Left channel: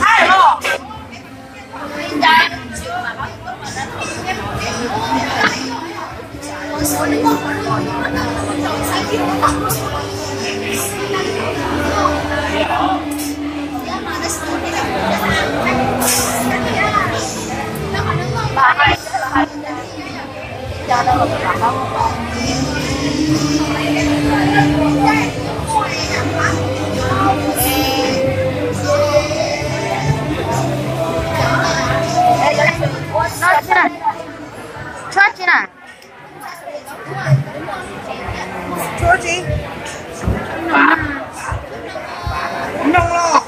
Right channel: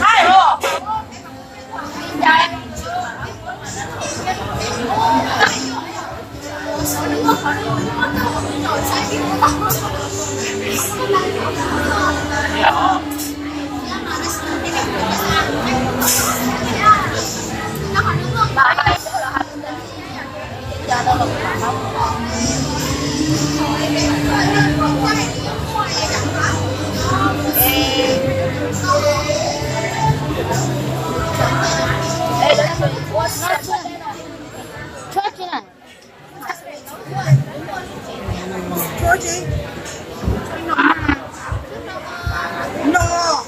Hai rồi. Bà hai là hai cha đâu là bạn đâu. Ê, nó chứ này. Chốt chứ này. Chốt gì? Nông lo.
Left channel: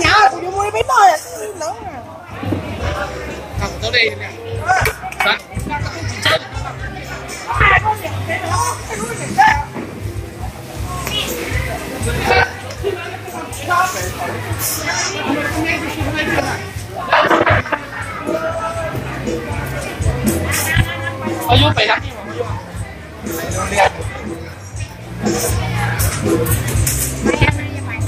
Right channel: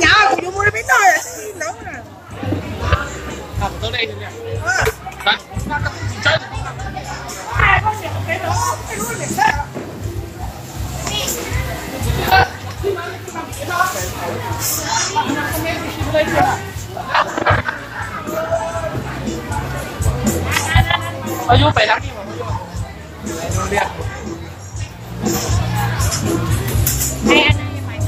Nhà của chúng tôi biết rồi, lớn rồi. Thằng tới đây nè. Đấy. Ai có nhận cái đó, cái đuôi này sao? Ở vô phải lắm nhưng mà vô. Nó đẹp. Mày ăn đi mày.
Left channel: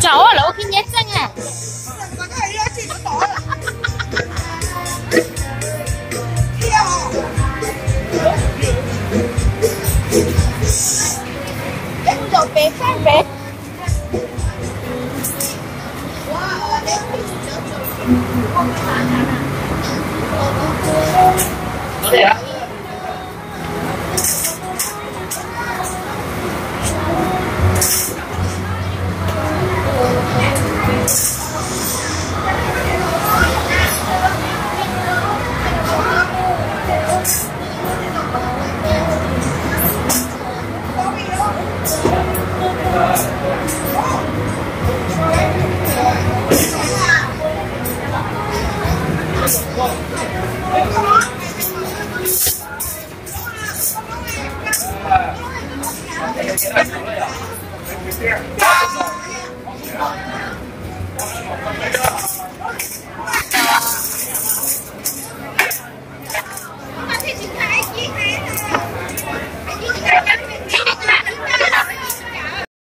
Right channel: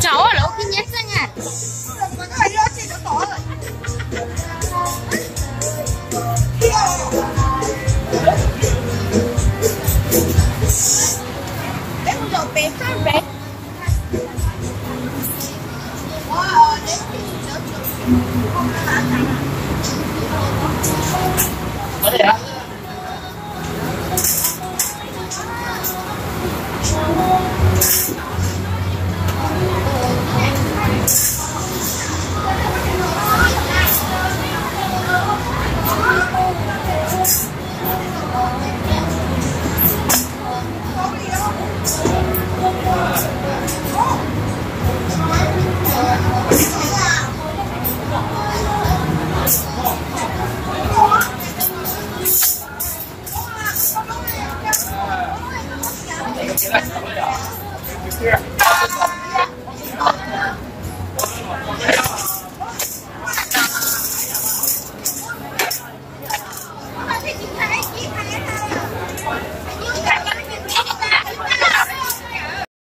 Cháu ở đâu khi nhét răng à? Em dầu bé sang bé. Nó đẹp lắm.